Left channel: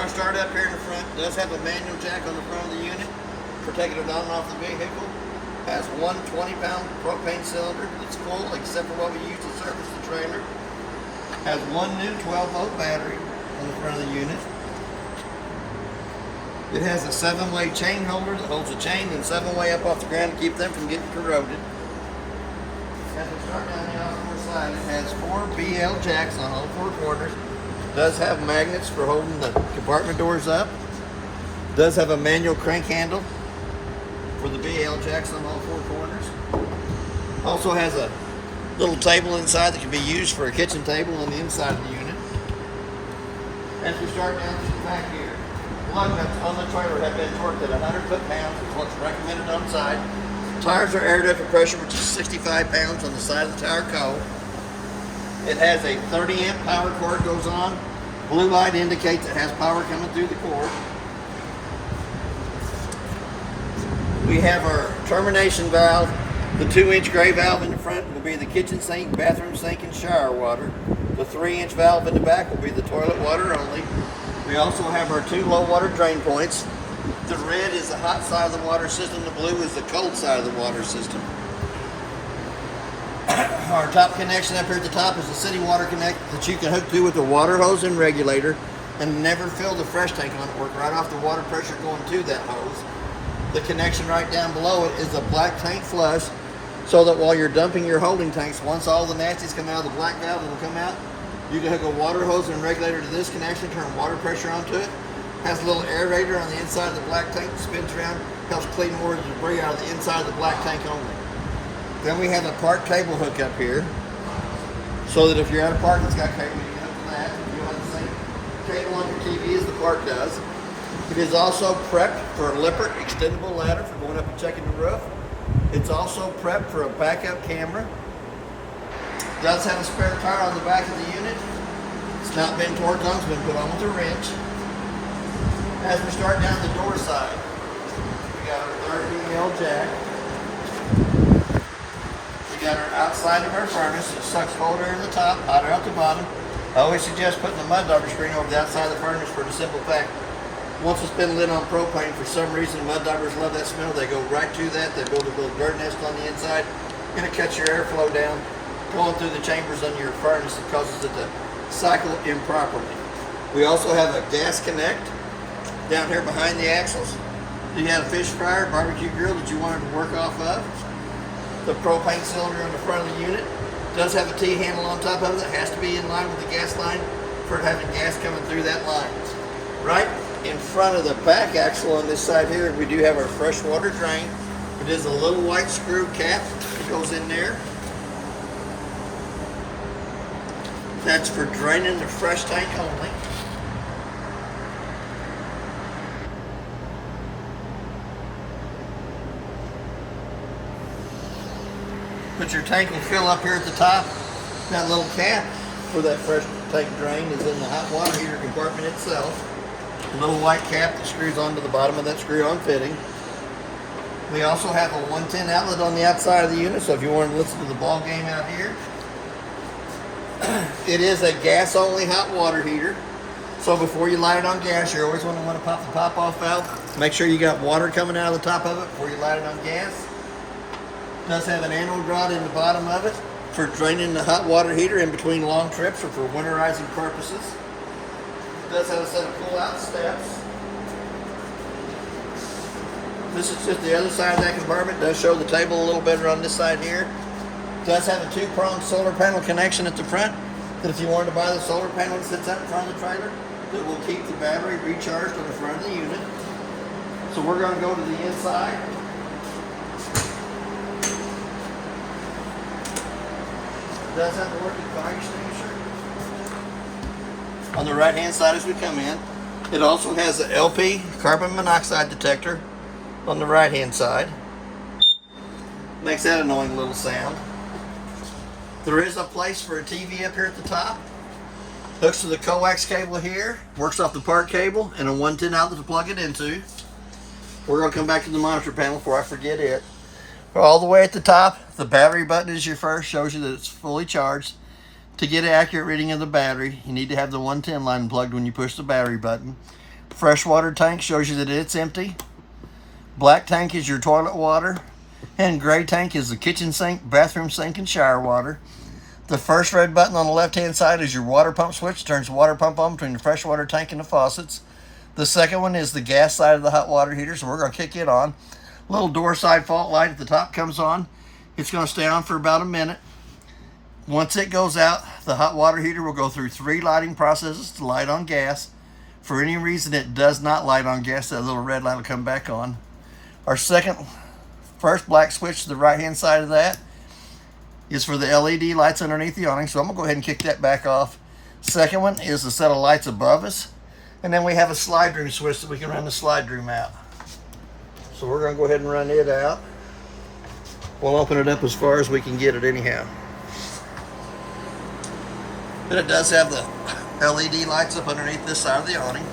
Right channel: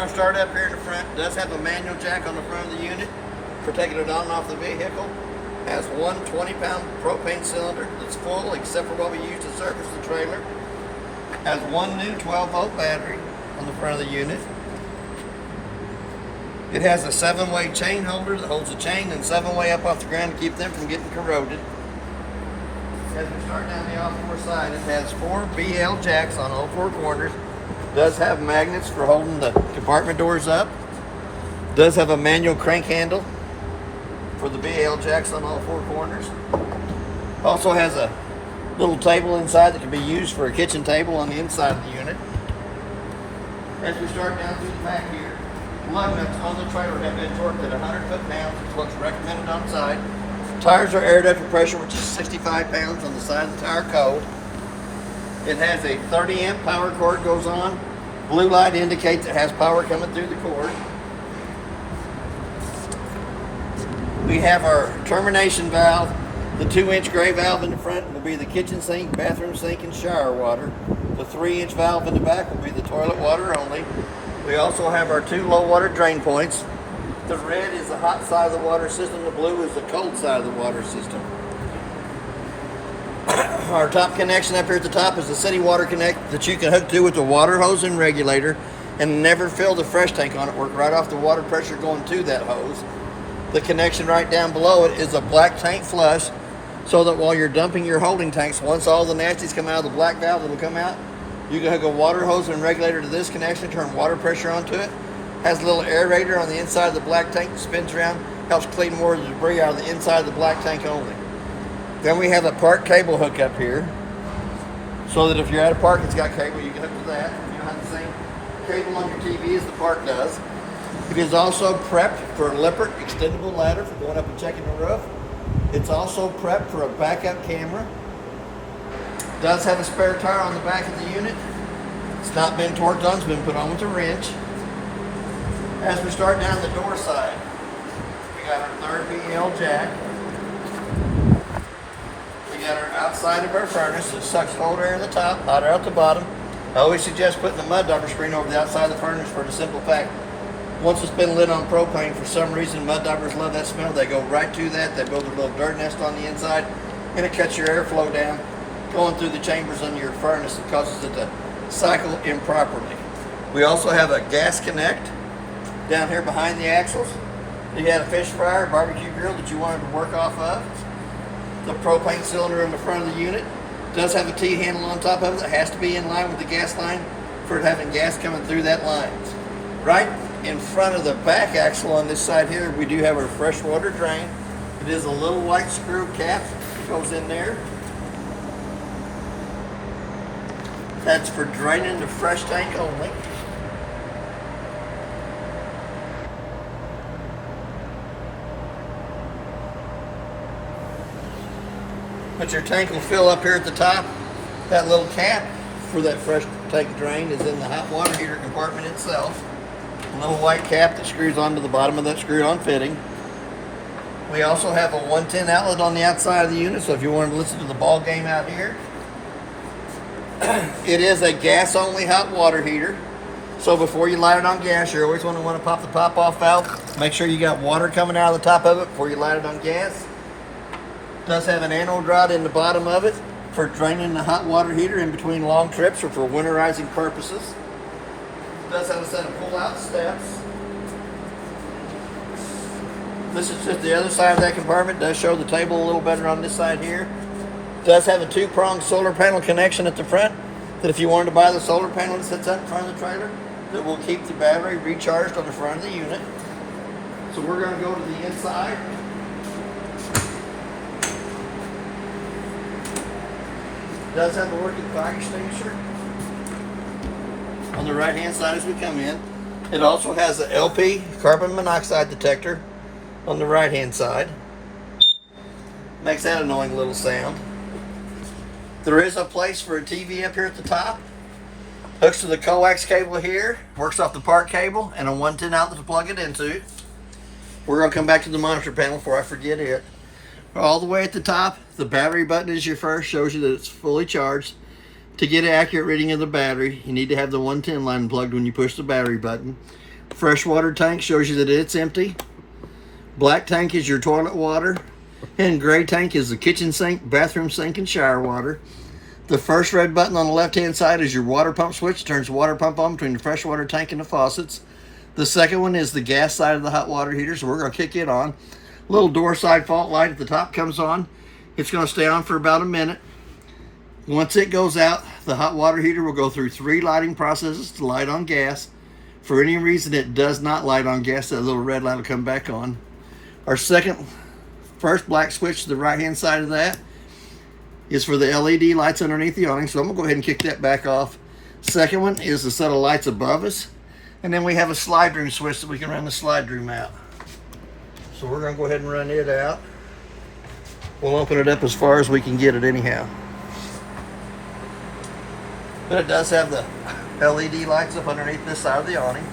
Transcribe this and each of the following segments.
going to start up here in the front. It does have a manual jack on the front of the unit for taking it on and off the vehicle. Has one 20-pound propane cylinder that's full except for what we use to service the trailer. Has one new 12-volt battery on the front of the unit. It has a 7-way chain holder that holds the chain and 7-way up off the ground to keep them from getting corroded. As we start down the outdoor side, it has 4 BL jacks on all 4 corners. Does have magnets for holding the compartment doors up. Does have a manual crank handle for the BL jacks on all 4 corners. Also has a little table inside that can be used for a kitchen table on the inside of the unit. As we start down through the back here, lug nuts on the trailer have been torqued at 100 foot-pounds, is what's recommended on side. Tires are air ducted pressure, which is 65 pounds on the side of the tire code. It has a 30 amp power cord goes on. Blue light indicates it has power coming through the cord. We have our termination valve. The 2-inch gray valve in the front will be the kitchen sink, bathroom sink, and shower water. The 3-inch valve in the back will be the toilet water only. We also have our 2 low water drain points. The red is the hot side of the water system. The blue is the cold side of the water system. Our top connection up here at the top is the city water connect that you can hook to with the water hose and regulator and never fill the fresh tank on it. Work right off the water pressure going to that hose. The connection right down below it is a black tank flush so that while you're dumping your holding tanks, once all the nasties come out of the black valve, it'll come out. You can hook a water hose and regulator to this connection, turn water pressure onto it. Has a little aerator on the inside of the black tank that spins around, helps clean more of the debris out of the inside of the black tank only. Then we have a park cable hook up here, so that if you're at a park that's got cable, you can hook to that. You don't have the same cable on your TV as the park does. It is also prepped for a Lippert extendable ladder for going up and checking the roof. It's also prepped for a backup camera. It does have a spare tire on the back of the unit. It's not been torqued on, it's been put on with a wrench. As we start down the door side, we got our 3rd BL jack. We got our outside of our furnace. It sucks cold air at the top, hot air at the bottom. I always suggest putting the mud dauber screen over the outside of the furnace for the simple fact, once it's been lit on propane, for some reason mud daubers love that smell. They go right to that. They build a little dirt nest on the inside, and it cuts your airflow down going through the chambers under your furnace. It causes it to cycle improperly. We also have a gas connect down here behind the axles. You had a fish fryer, barbecue grill that you wanted to work off of. The propane cylinder in the front of the unit does have a T-handle on top of it that has to be in line with the gas line for it having gas coming through that line. Right in front of the back axle on this side here, we do have our freshwater drain. It is a little white screw cap that goes in there. That's for draining the fresh tank only. But your tank will fill up here at the top. That little cap for that fresh tank drain is in the hot water heater compartment itself. A little white cap that screws onto the bottom of that screw-on fitting. We also have a 110 outlet on the outside of the unit, so if you wanted to listen to the ball game out here. It is a gas-only hot water heater. So before you light it on gas, you're always going to want to pop the pop-off valve. Make sure you got water coming out of the top of it before you light it on gas. It does have an anode rod in the bottom of it for draining the hot water heater in between long trips or for winterizing purposes. It does have a set of pull-out steps. This is just the other side of that compartment. It does show the table a little better on this side here. It does have a 2-pronged solar panel connection at the front that if you wanted to buy the solar panel that sits up in front of the trailer, that will keep the battery recharged on the front of the unit. So we're going to go to the inside. It does have a working fire extinguisher on the right hand side as we come in. It also has an LP carbon monoxide detector on the right hand side. Makes that annoying little sound. There is a place for a TV up here at the top. Hooks to the coax cable here, works off the park cable, and a 110 outlet to plug it into. We're going to come back to the monitor panel before I forget it. All the way at the top, the battery button is your first, shows you that it's fully charged. To get an accurate reading of the battery, you need to have the 110 line plugged when you push the battery button. Freshwater tank shows you that it's empty. Black tank is your toilet water. And gray tank is the kitchen sink, bathroom sink, and shower water. The first red button on the left-hand side is your water pump switch. Turns the water pump on between the freshwater tank and the faucets. The second one is the gas side of the hot water heater, so we're going to kick it on. Little door side fault light at the top comes on. It's going to stay on for about a minute. Once it goes out, the hot water heater will go through 3 lighting processes to light on gas. For any reason it does not light on gas, that little red light will come back on. Our first black switch to the right-hand side of that is for the LED lights underneath the awning, so I'm going to go ahead and kick that back off. Second one is the set of lights above us. And then we have a slide room switch that we can run the slide room out. So we're going to go ahead and run it out. We'll open it up as far as we can get it anyhow. But it does have the LED lights up underneath this side of the awning.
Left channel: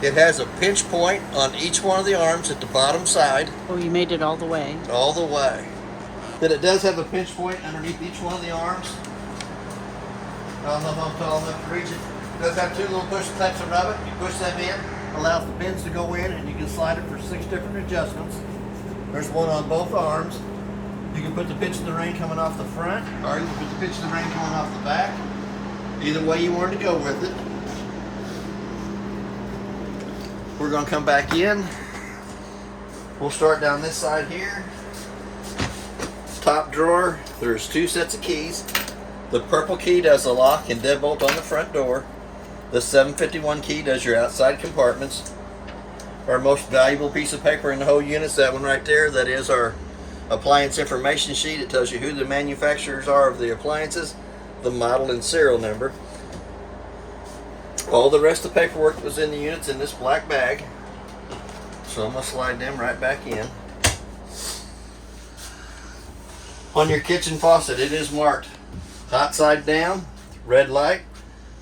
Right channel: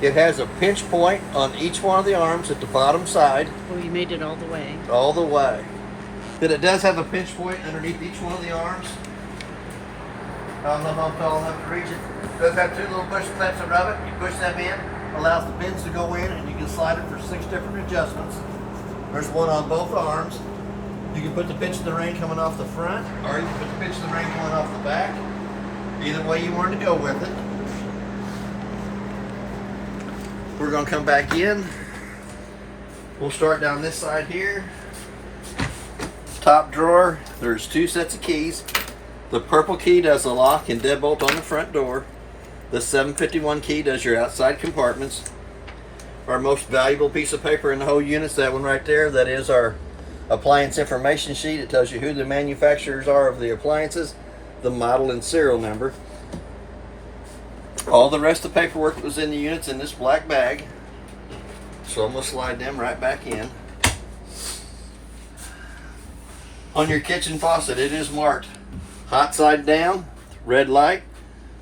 It has a pinch point on each one of the arms at the bottom side. Oh, you made it all the way. All the way. But it does have a pinch point underneath each one of the arms. I don't know if I'm tall enough to reach it. It does have 2 little push steps above it. You push them in, allows the pins to go in, and you can slide it for 6 different adjustments. There's one on both arms. You can put the pitch of the rain coming off the front, or you can put the pitch of the rain coming off the back. Either way you want to go with it. We're going to come back in. We'll start down this side here. Top drawer, there's 2 sets of keys. The purple key does the lock and deadbolt on the front door. The 751 key does your outside compartments. Our most valuable piece of paper in the whole unit is that one right there. That is our appliance information sheet. It tells you who the manufacturers are of the appliances, the model and serial number. All the rest of the paperwork that was in the unit's in this black bag. So I'm going to slide them right back in. On your kitchen faucet, it is marked hot side down, red light,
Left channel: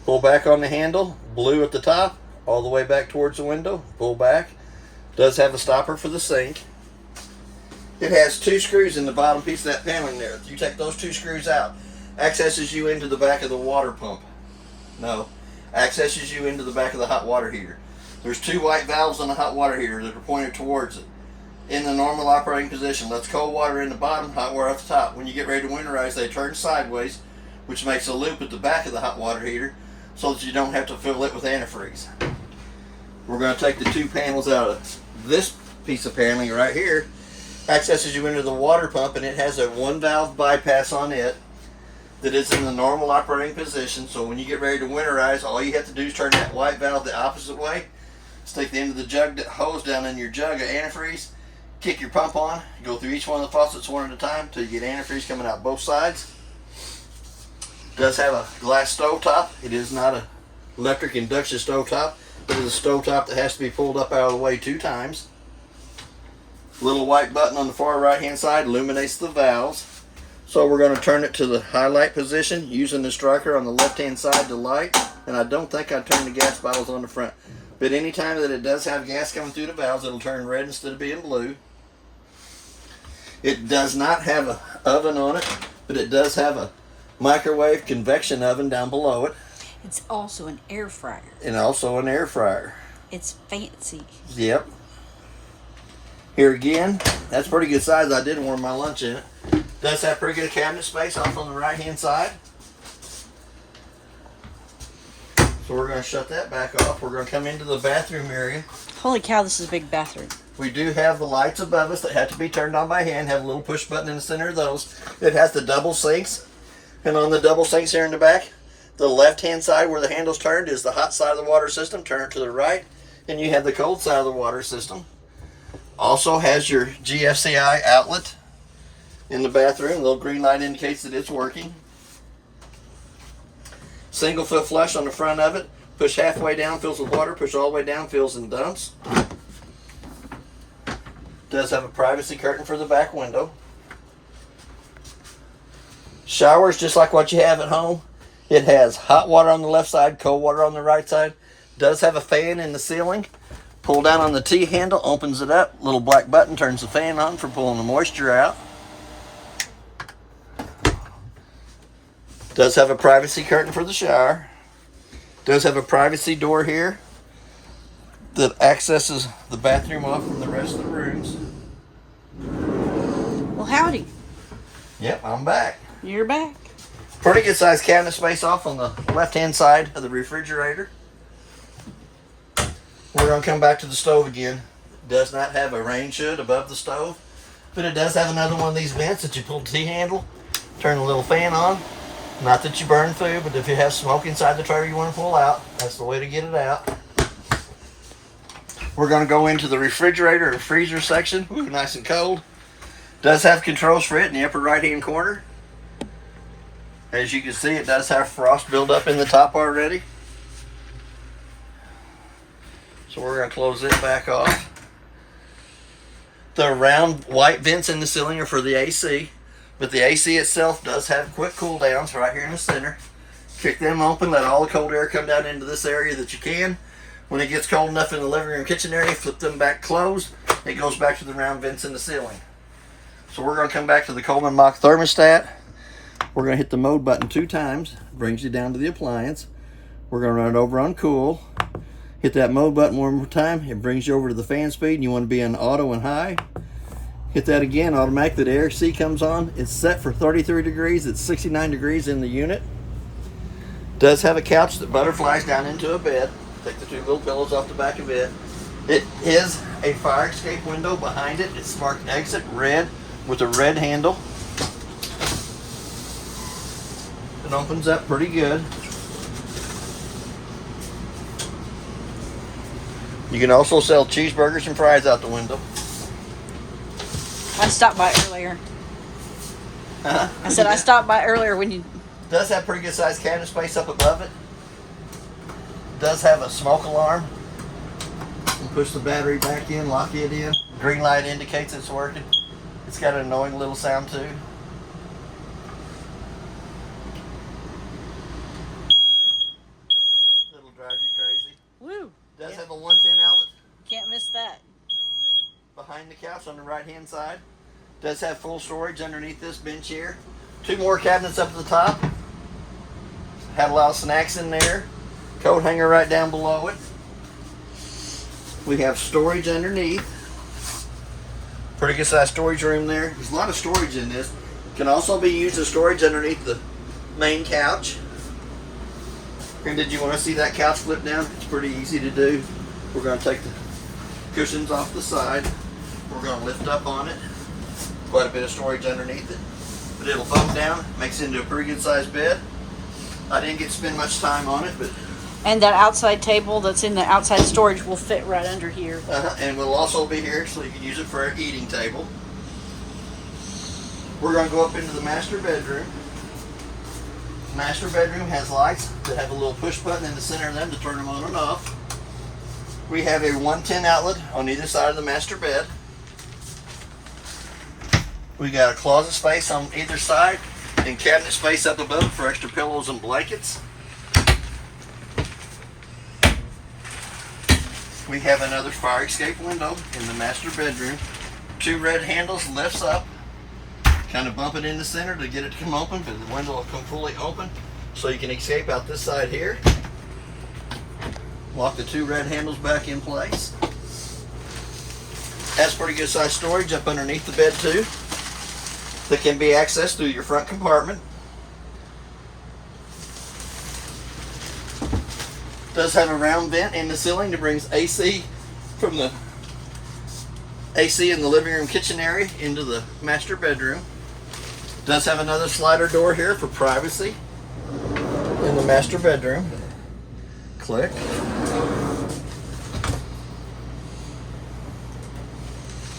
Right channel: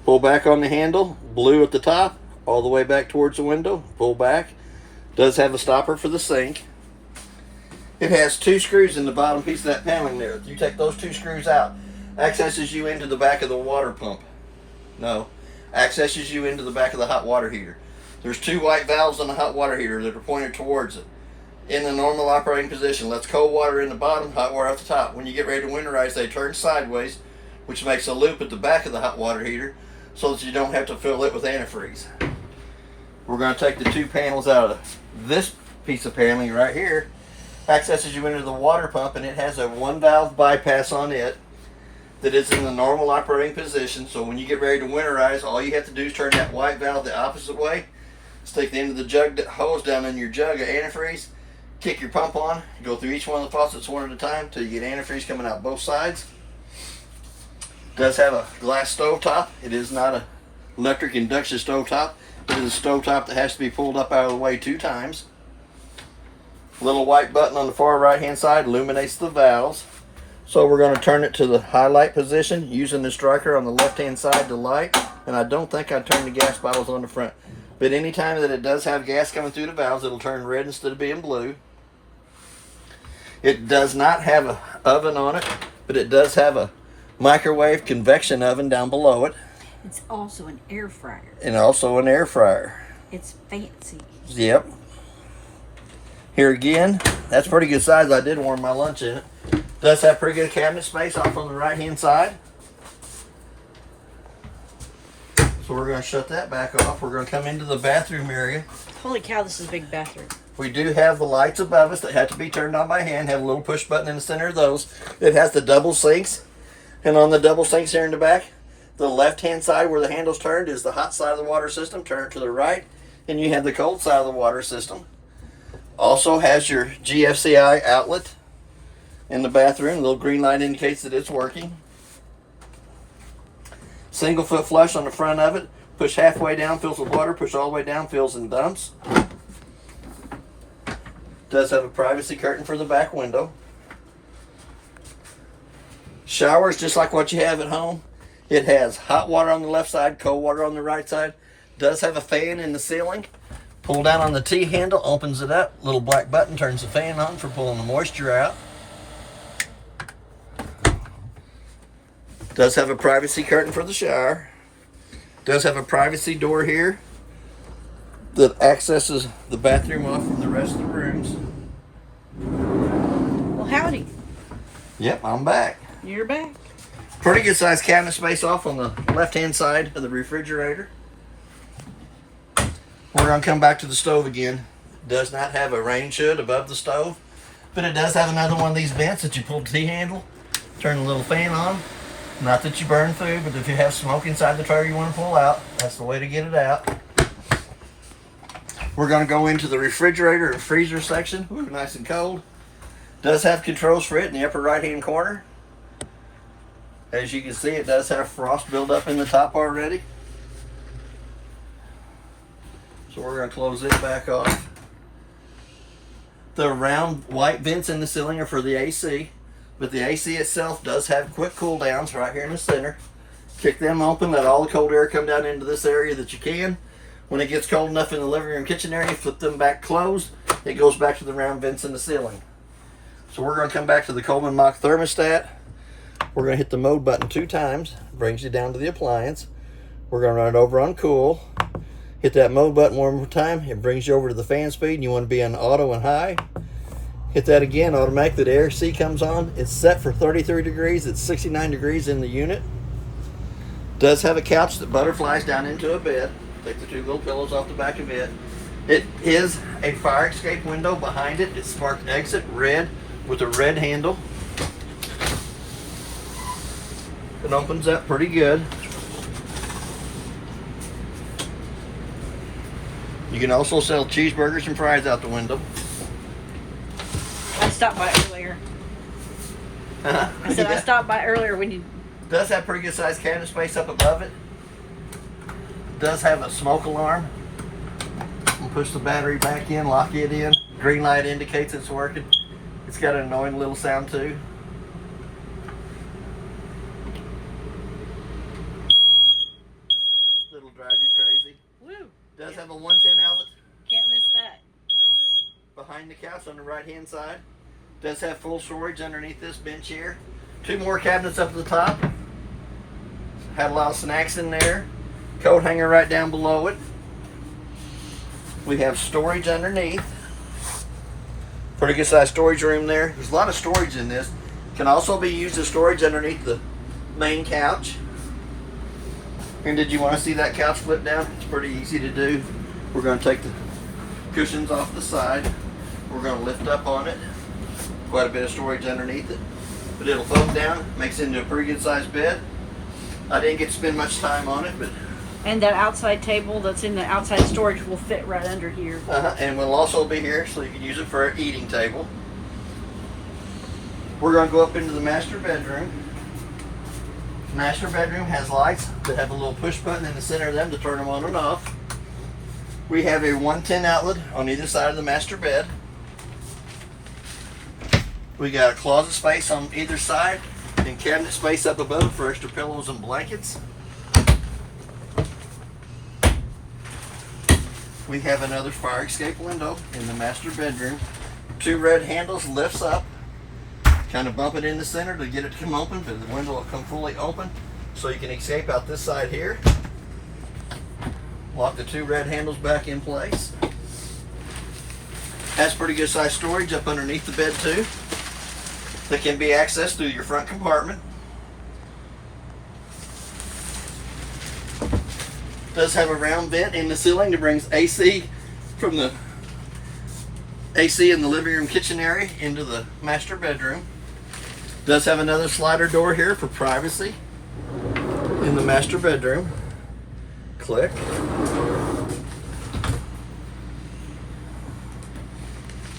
pull back on the handle, blue at the top, all the way back towards the window, pull back. Does have a stopper for the sink. It has 2 screws in the bottom piece of that paneling there. You take those 2 screws out, accesses you into the back of the water pump. No, accesses you into the back of the hot water heater. There's 2 white valves on the hot water heater that are pointed towards it. In the normal operating position, lets cold water in the bottom, hot water at the top. When you get ready to winterize, they turn sideways, which makes a loop at the back of the hot water heater so that you don't have to fill it with antifreeze. We're going to take the 2 panels out of this piece of paneling right here. Accesses you into the water pump, and it has a 1 valve bypass on it that is in the normal operating position. So when you get ready to winterize, all you have to do is turn that white valve the opposite way, stick the end of the jug hose down in your jug of antifreeze, kick your pump on, go through each one of the faucets one at a time until you get antifreeze coming out both sides. Does have a glass stove top. It is not an electric induction stove top. It is a stove top that has to be pulled up out of the way 2 times. Little white button on the far right hand side illuminates the valves. So we're going to turn it to the highlight position using the striker on the left hand side to light. And I don't think I turned the gas bottles on the front. But anytime that it does have gas coming through the valves, it'll turn red instead of being blue. It does not have an oven on it, but it does have a microwave convection oven down below it. It's also an air fryer. And also an air fryer. It's fancy. Yep. Here again, that's pretty good size. I did warm my lunch in it. Does have pretty good cabinet space off on the right hand side. So we're going to shut that back off. We're going to come into the bathroom area. Holy cow, this is a big bathroom. We do have the lights above us that have to be turned on by hand. Have a little push button in the center of those. It has the double sinks. And on the double sinks here in the back, the left-hand side where the handle's turned is the hot side of the water system. Turn it to the right, and you have the cold side of the water system. Also has your GFCI outlet in the bathroom. The little green light indicates that it's working. Single foot flush on the front of it. Push halfway down, fills with water. Push all the way down, fills and dumps. Does have a privacy curtain for the back window. Showers just like what you have at home. It has hot water on the left side, cold water on the right side. Does have a fan in the ceiling. Pull down on the T handle, opens it up. Little black button turns the fan on for pulling the moisture out. Does have a privacy curtain for the shower. Does have a privacy door here that accesses the bathroom off from the rest of the rooms. Well, howdy. Yep, I'm back. You're back. Pretty good sized cabinet space off on the left hand side of the refrigerator. We're going to come back to the stove again. It does not have a range hood above the stove, but it does have another one of these vents that you pull the T-handle, turn the little fan on. Not that you burn food, but if you have smoke inside the trailer you want to pull out, that's the way to get it out. We're going to go into the refrigerator and freezer section. Ooh, nice and cold. Does have controls for it in the upper right hand corner. As you can see, it does have frost buildup in the top already. So we're going to close it back off. The round white vents in the ceiling are for the AC, but the AC itself does have quick cool downs right here in the center. Kick them open, let all the cold air come down into this area that you can. When it gets cold enough in the living room kitchen area, flip them back closed. It goes back to the round vents in the ceiling. So we're going to come back to the Coleman Mach thermostat. We're going to hit the mode button 2 times. Brings you down to the appliance. We're going to run it over on cool. Hit that mode button one more time. It brings you over to the fan speed, and you want to be on auto and high. Hit that again, automatically the AC comes on. It's set for 33 degrees. It's 69 degrees in the unit. Does have a couch that butterflies down into a bed. Take the 2 little pillows off the back of it. It is a fire escape window behind it. It's marked exit red with a red handle. It opens up pretty good. You can also sell cheeseburgers and fries out the window. I stopped by earlier. I said I stopped by earlier when you... Does have pretty good sized cabinet space up above it. Does have a smoke alarm. We'll push the battery back in, lock it in. Green light indicates it's working. It's got an annoying little sound too. It'll drive you crazy. Woo! Does have a 110 outlet Can't miss that. behind the couch on the right hand side. Does have full storage underneath this bench here. 2 more cabinets up at the top. Had a lot of snacks in there. Coat hanger right down below it. We have storage underneath. Pretty good sized storage room there. There's a lot of storage in this. Can also be used as storage underneath the main couch. And did you want to see that couch flip down? It's pretty easy to do. We're going to take the cushions off the side. We're going to lift up on it. Quite a bit of storage underneath it. But it'll fold down, makes it into a pretty good sized bed. I didn't get to spend much time on it, but... And that outside table that's in the outside storage will fit right under here. And will also be here, so you can use it for an eating table. We're going to go up into the master bedroom. Master bedroom has lights that have a little push button in the center of them to turn them on and off. We have a 110 outlet on either side of the master bed. We got a closet space on either side and cabinet space up above for extra pillows and blankets. We have another fire escape window in the master bedroom. 2 red handles, lifts up. Kind of bump it in the center to get it to come open, but the window will come fully open so you can escape out this side here. Lock the 2 red handles back in place. Has pretty good sized storage up underneath the bed too that can be accessed through your front compartment. Does have a round vent in the ceiling that brings AC from the AC in the living room kitchen area into the master bedroom. Does have another slider door here for privacy in the master bedroom. Click.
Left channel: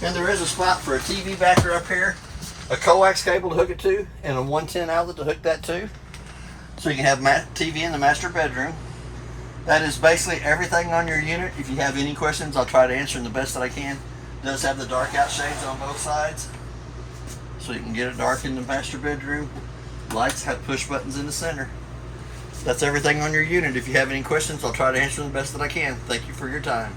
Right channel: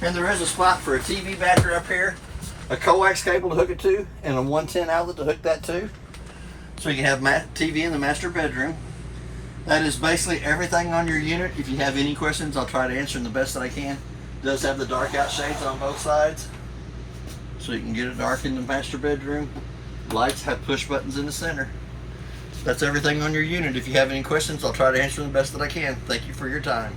And there is a spot for a TV backer up here, a coax cable to hook it to, and a 110 outlet to hook that to. So you can have TV in the master bedroom. That is basically everything on your unit. If you have any questions, I'll try to answer them the best that I can. It does have the dark out shades on both sides, so you can get it dark in the master bedroom. Lights have push buttons in the center. That's everything on your unit. If you have any questions, I'll try to answer them the best that I can. Thank you for your time.